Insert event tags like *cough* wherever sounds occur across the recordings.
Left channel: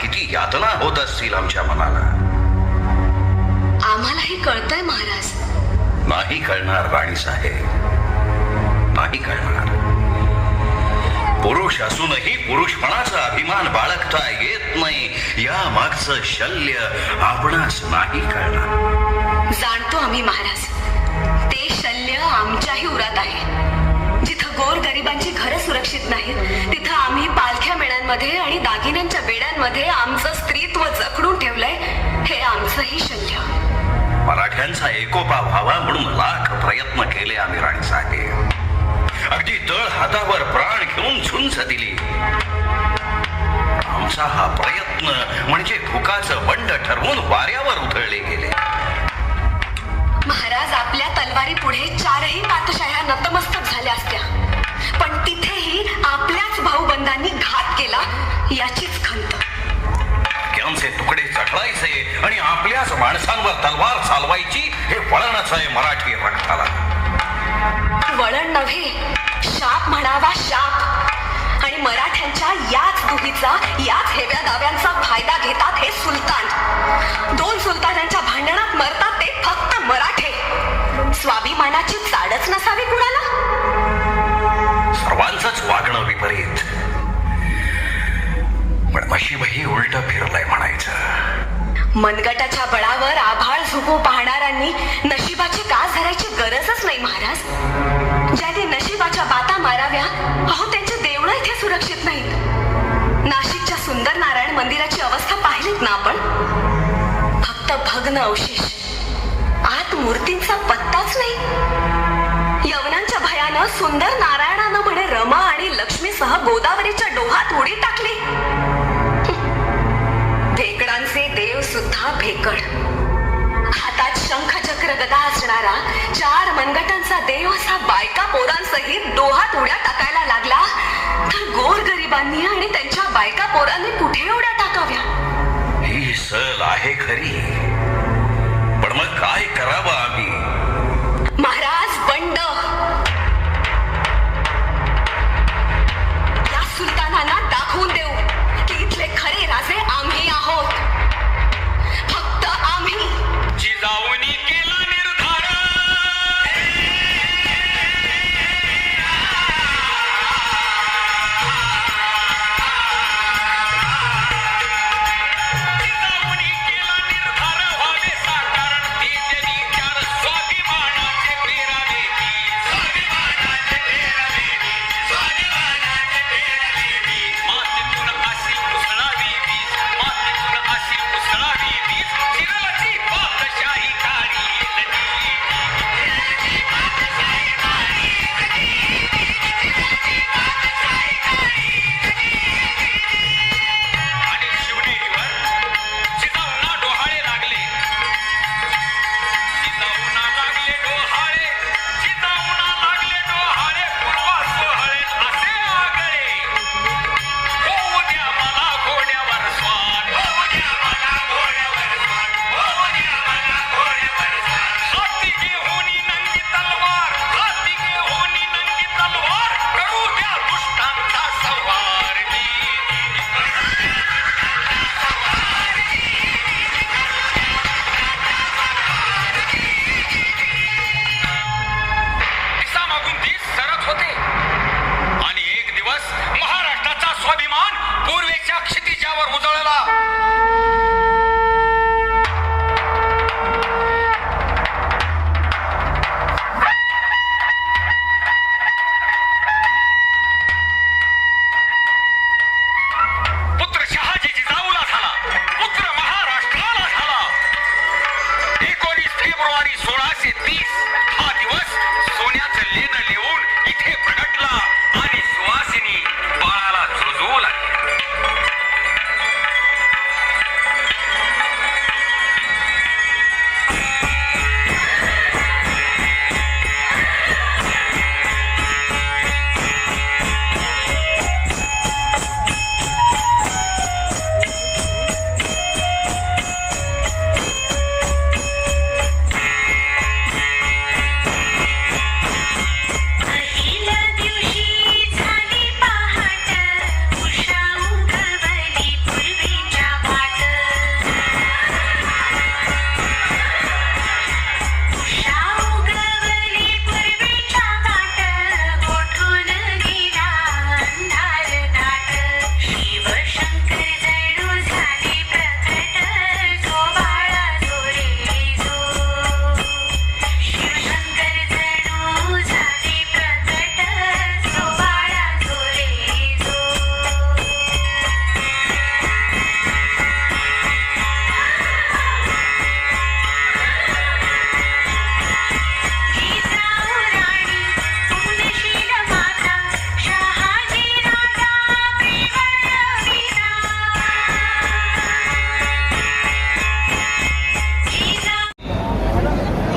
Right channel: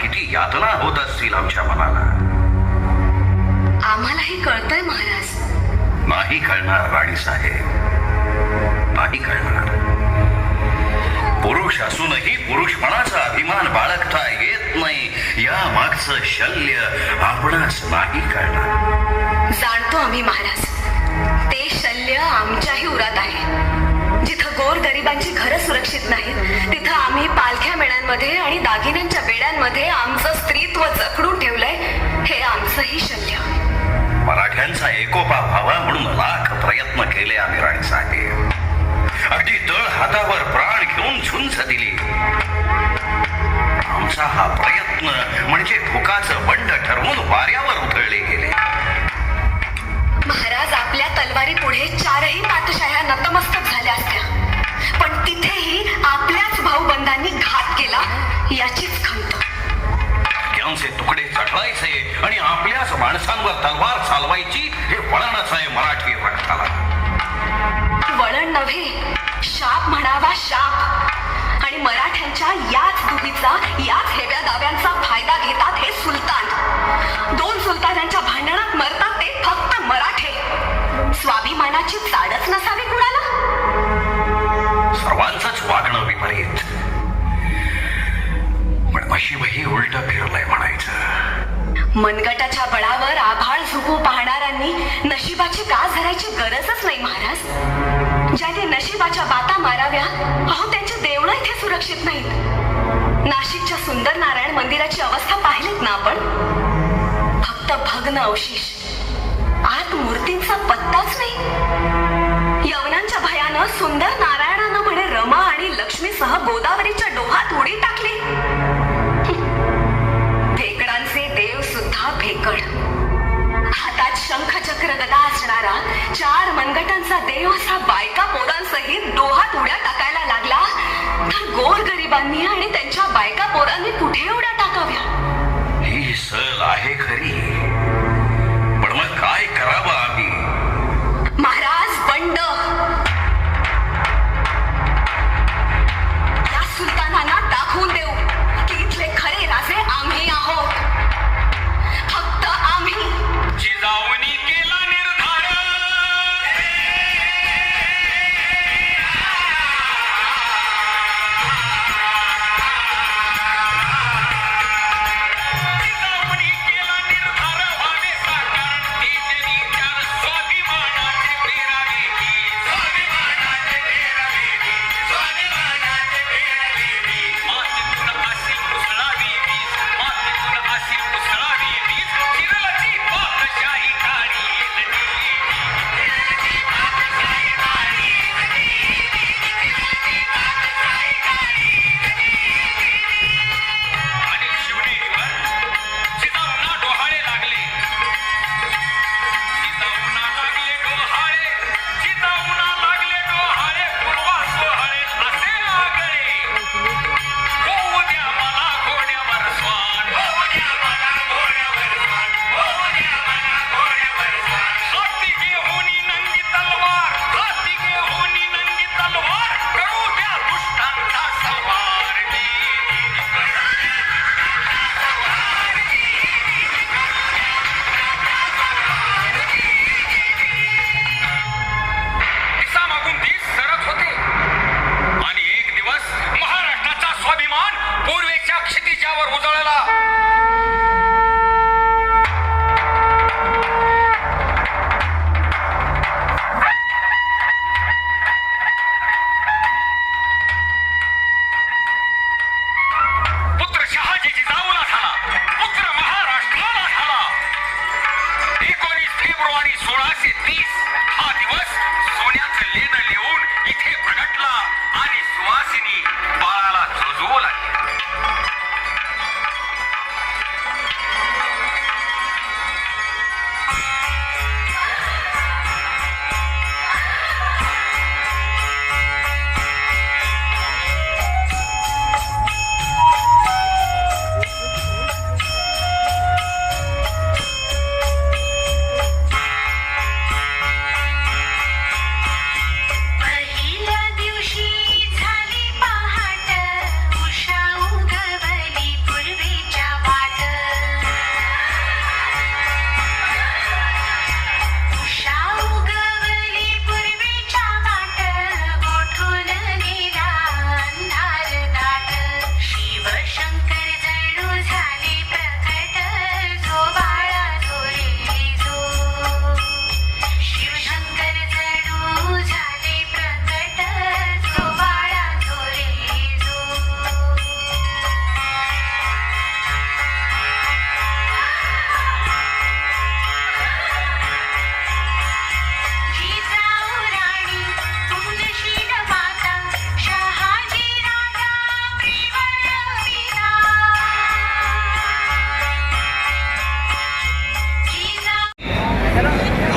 किती यातना होत असतील आमच्या मनाला. आम्हालाही कळतंय महाराज. नाही कळणार राणी साहेब. नाही कळणार. पुरुष असूनही पुरुषपणाचा अभिमान बाळगता येत नाही. या मागचं शल्य आपणास नाही कळणार. जाणतो आम्ही महाराज. ते शल्य आमच्याही उरात आहे. जिथं गोर गरिबांची घर सुरक्षित नाही बेड्यांमध्ये आणि दागिन्यांच्या बेड्यांमध्ये आमचं स्त्रीत्व जखडून ठेवलंय हे आमचंही शल्य मराठ्यांचा एकोपा व्हावा म्हणून लाख प्रयत्न केले आम्ही राणी साहेब अगदी तळ हातावर प्राण घेऊन झुंज दिली.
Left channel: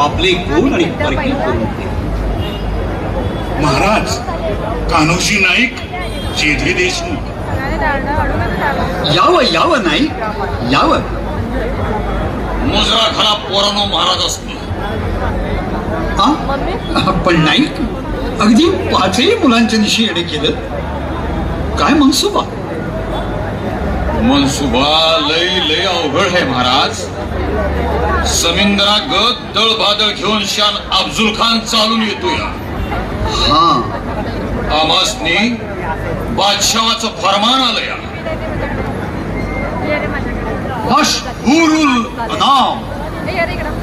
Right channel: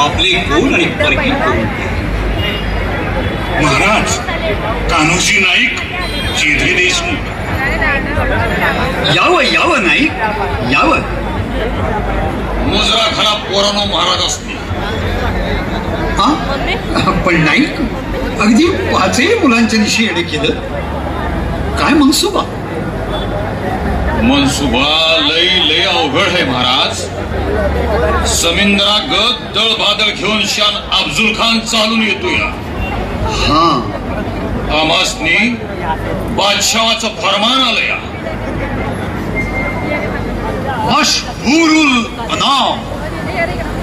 आपले कोण आणि परकी कोण महाराज कान्होजी नाईक जेधे देशमुख. यावं यावं नाईक यावं. मुजरा घरा पोरानो महाराज असतील. हा? पण नाईक अगदी पाचही मुलांच्या निशी येणे केलं. काय मनसुबा? मनसुबा लय लय अवघड आहे महाराज. समिंदरा गत दळ बादळ घेऊन शान अफजुल खान चालून येतोय. हा. आमासनी बादशावाचं फरमान आलंय. मशहूरुल नाम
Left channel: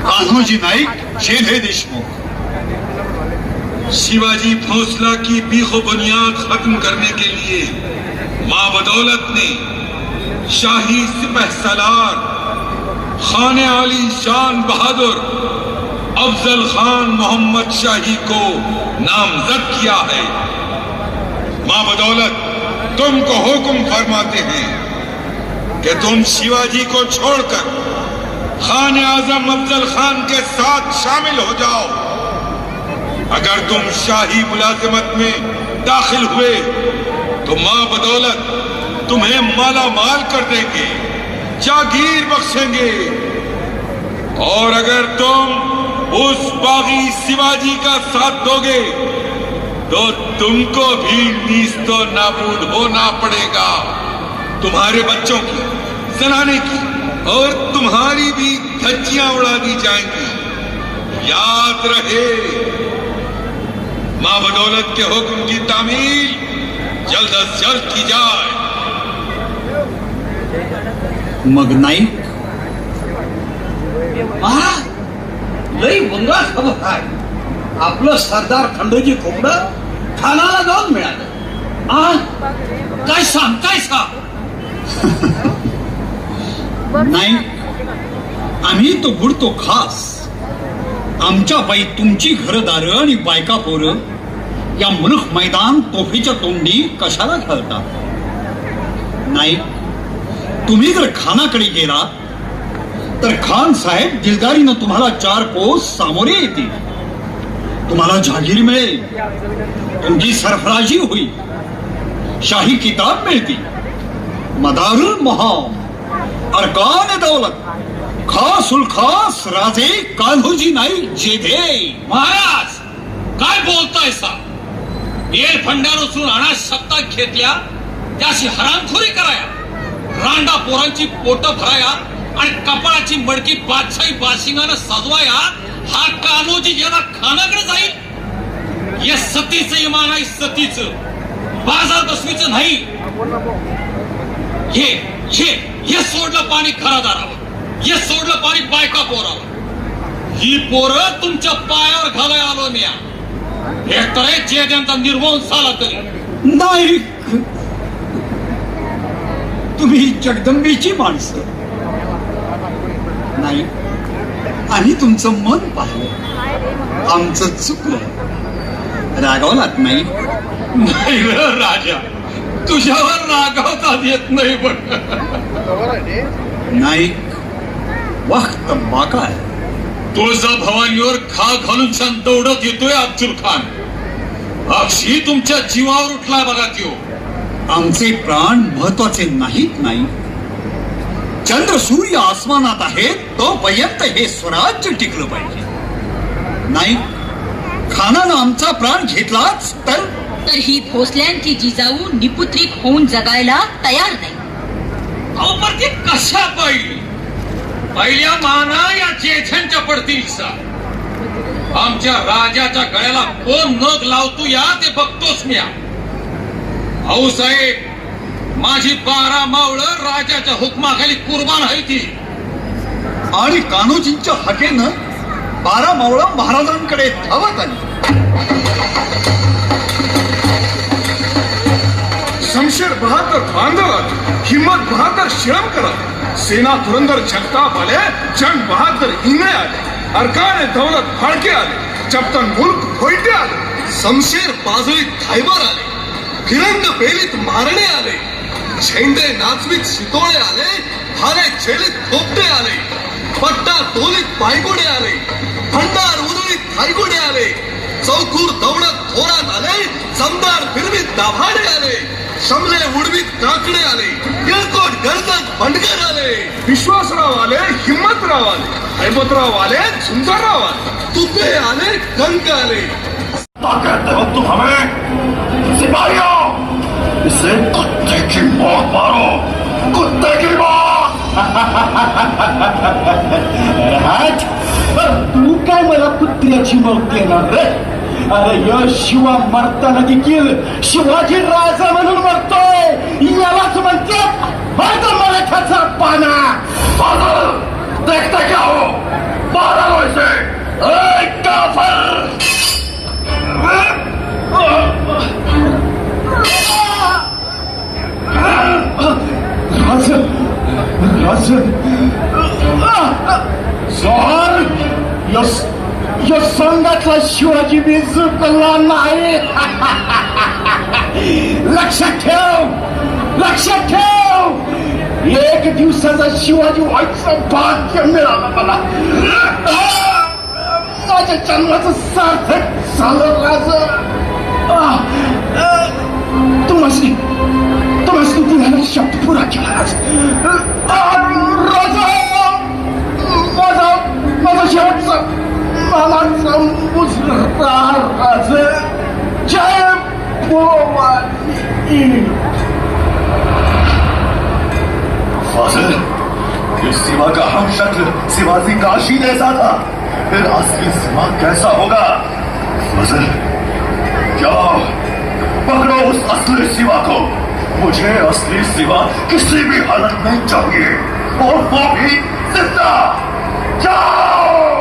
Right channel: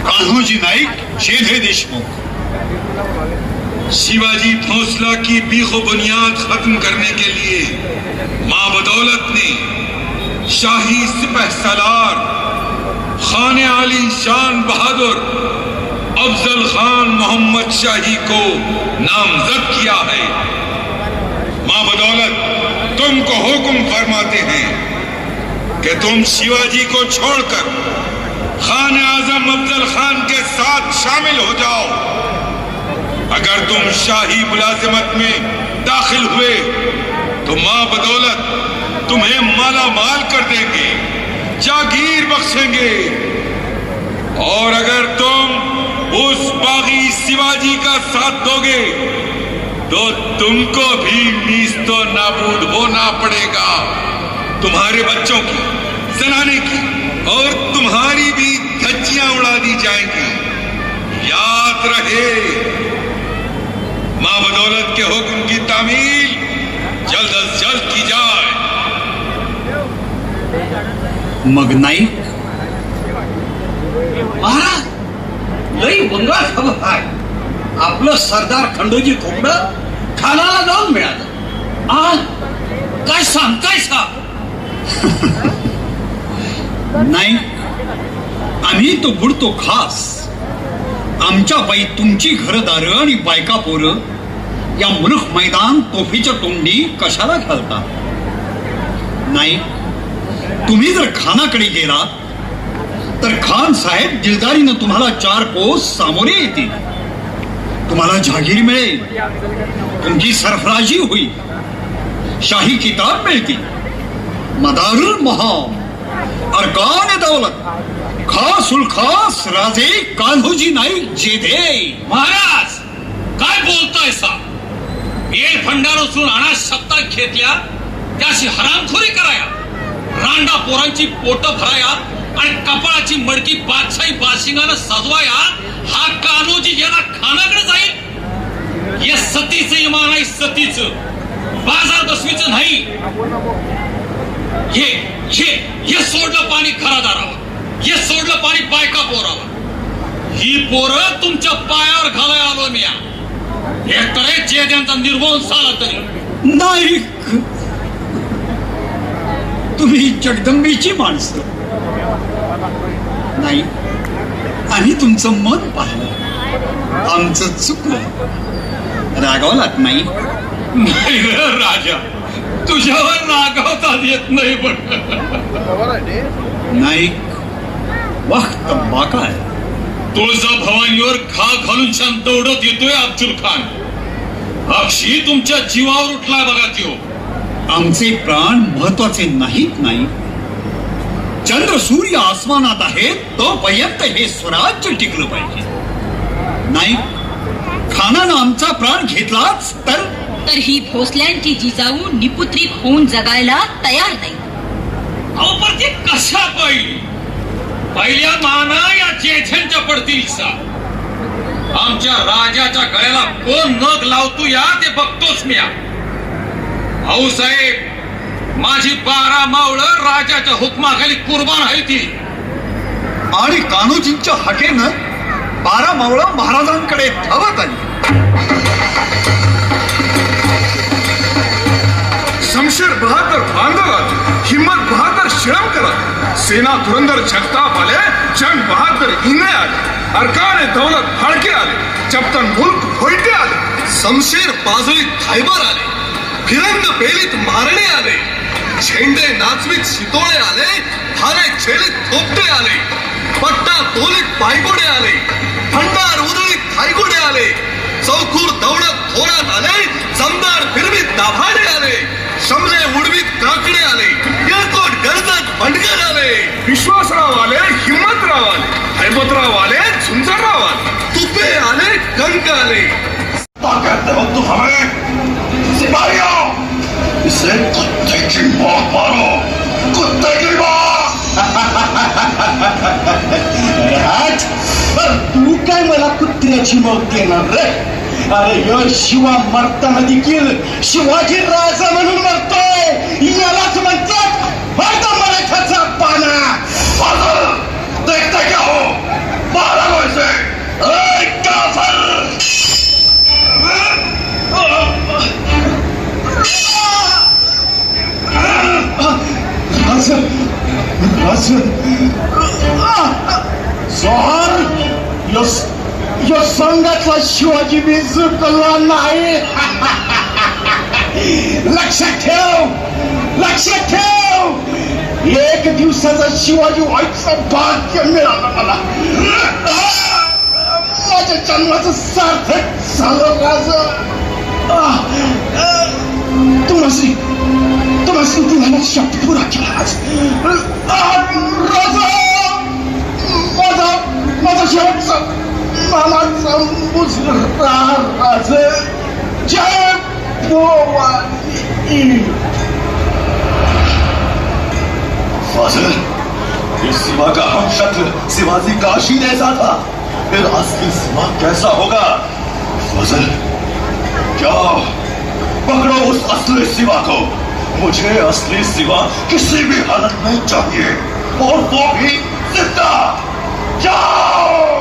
कान्होजी नाईक शेधे देशमुख. शिवाजी फौसला की बीखो बुनियाद खत्म करने के लिए माँ बदौलत ने शाही सिपह सलार खान आली शान बहादुर अफजल खान मोहम्मद शाही को नामजद किया है। माँ बदौलत तुमको हुक्म फरमाते हैं कि तुम शिवाजी को छोड़कर खान आज़म अफजल खान के साथ शामिल हो जाओ। अगर तुम शाही मुलाजिमत में दाखिल हुए तो माँ बदौलत तुम्हें माला माल कर देंगे। जागीर बख्शेंगे। और अगर तुम उस बागी शिवाजी का साथ दोगे तो तुमको भी नीस तो नाबूद होना पड़ेगा। तुम्हारे बच्चों की जनाने की, और तुम्हारी भी धज्जियाँ उड़ा दी जाएँगी। याद रहे, माँ बदौलत के हुक्म की तामील जल्द अज जल्द की जाए। मग नाईक महाराज लई बंगाल खबर आहे आपलं सरदार खंडोजी खोबडं खानाला जाऊन मिळालं. आ काय सांग काय सांग नाही आम्ही तो बुडतो खास. आमच्या बाई तुमची घरदार आणि बायका पोरं या मुलूक मैदान तोफीच्या तोंडी कशाला घालता? नाही तुम्ही जर खानाकडे गेला तर खान साहेब दिलदारीनं तुम्हाला चार कोस सामोरे येतील तुम्हाला जहागीर मिळेल तुमची सरफराजी होईल शाही किताब मिळतील मदारुल महाम, अरकान दौलत, खास उल खास राजे कान्होजी नाईक जेधे महाराज, काय बोलताय सा बेड फंडार उचलून आणा सत्ता घेतल्या, त्याशी हरामखोरी कराया। रांडा पोरांची पोट भराया आणि कपाळाची मडकी बादशाही बाशिंगानं सजवाया हा कान्होजी याला खानाकडे जाईल. या सतीचं इमान आहे सतीचं. बाजार बसवीचं नाही. हे हे हे सोडलं पाणी खरा दारावर हे सोडलं पाणी बायका पोरावर. ही पोरं तुमच्या पायावर घालाय आलो मी. एकतर जे त्यांचा निर्वंश झाला तरी. नाही तुम्ही जगदंबेची माणसं. नाही आम्ही तुमचं मन पाहिलं. आमचं चुकलं. रागावलात नाही. राजा तुझ्यावर रागावता येत नाही पण. नाईक वक्त बाका आहे. तुळजा भवानीवर खा घालून शांत दौडत येतोय अब्दुल खान. अक्षी तुमच्या जीवावर उठलाय बघा त्यो. आमचे प्राण महत्त्वाचे नाहीत नाही. चंद्र सूर्य आसमानात आहेत तोपर्यंत हे स्वराज्य टिकलं पाहिजे. नाही खानानं आमचा प्राण घेतलाच तर? तर ही भोसल्यांची जिजाऊ निपुत्रिक होऊन जगायला तयार नाही. अहो पण ती कशा पहिली? पहिल्या माना या जेठ्यांच्या पडतील सा आमच्या राजाच्या गळ्याला कोण नग लावतो या ते बघतोच मी भाऊ साहेब माझी बारा मावळं राजाच्या हुकमाखाली कुर्बान आहे ती. आणि कान्होजींच्या हकेनं बारा मावळं महाराजांकडे धावत आली. शमशेर बहादर बांधवात हिम्मत बहादर शिरमकर सेना पुरंदर जगताप आले जंग बहादर हिंगे आले. अरकान दौलत फाळके आले चपतन मुल्क होईटे आले. शमशेर बाजुळीत खायबर आले. फिरंग पेलीत मारणे आले. झेंडे नाचवीत शितोळे आले हारे छेलीत थोपटे आले पट्टा तोलीत पायगोडे आले भंडार उधळीत थायगोडे आले चौकूर दौडत थोरात आले जमदार फिरवीत दाभाडे आले समजे उडवीत काकडे आले येळकोट गरजत बंडगर आले. विश्वासराव आले हिम्मतराव आले हैबतराव आले झुंजाराव आले. तुपे आले कंक आले. ताकत तुम हमें सिपाहियों इसे कुत्ते की मौत मारो कुत्ते की मौत राज बर तू काय मला कुत्र्याची मौत देणार रे अरे यो शिवा मरताना देखील शिवाजी राजा म्हणून मरतोय यालाच म्हणतात मर्द मराठाचा पाना फादर देखते क्या हो शिवाजी नाही *laughs* लक्षात ठेव लक्षात ठेव. एक दिवसाचा शिवाजी व्हायचं भाग्य मिळालं मला. *laughs* माझ्या जन्माचं सार्थक झालं माझ. *laughs* तुम्ही तुम्हाला तुम्हाला तुला शब्द पुरा केला आज माझा माझा शेवटचा फादर ये सिवा का हम शक्ल शिवाजी काशी जैसा था। फिर असली सिवा कैसा होगा? फादर क्या? पकड़ो उस असली सिवा को। मुझे असली सिवा किसी भी हालत में चाहिए। और वो भी ज़िंदा। जाओ!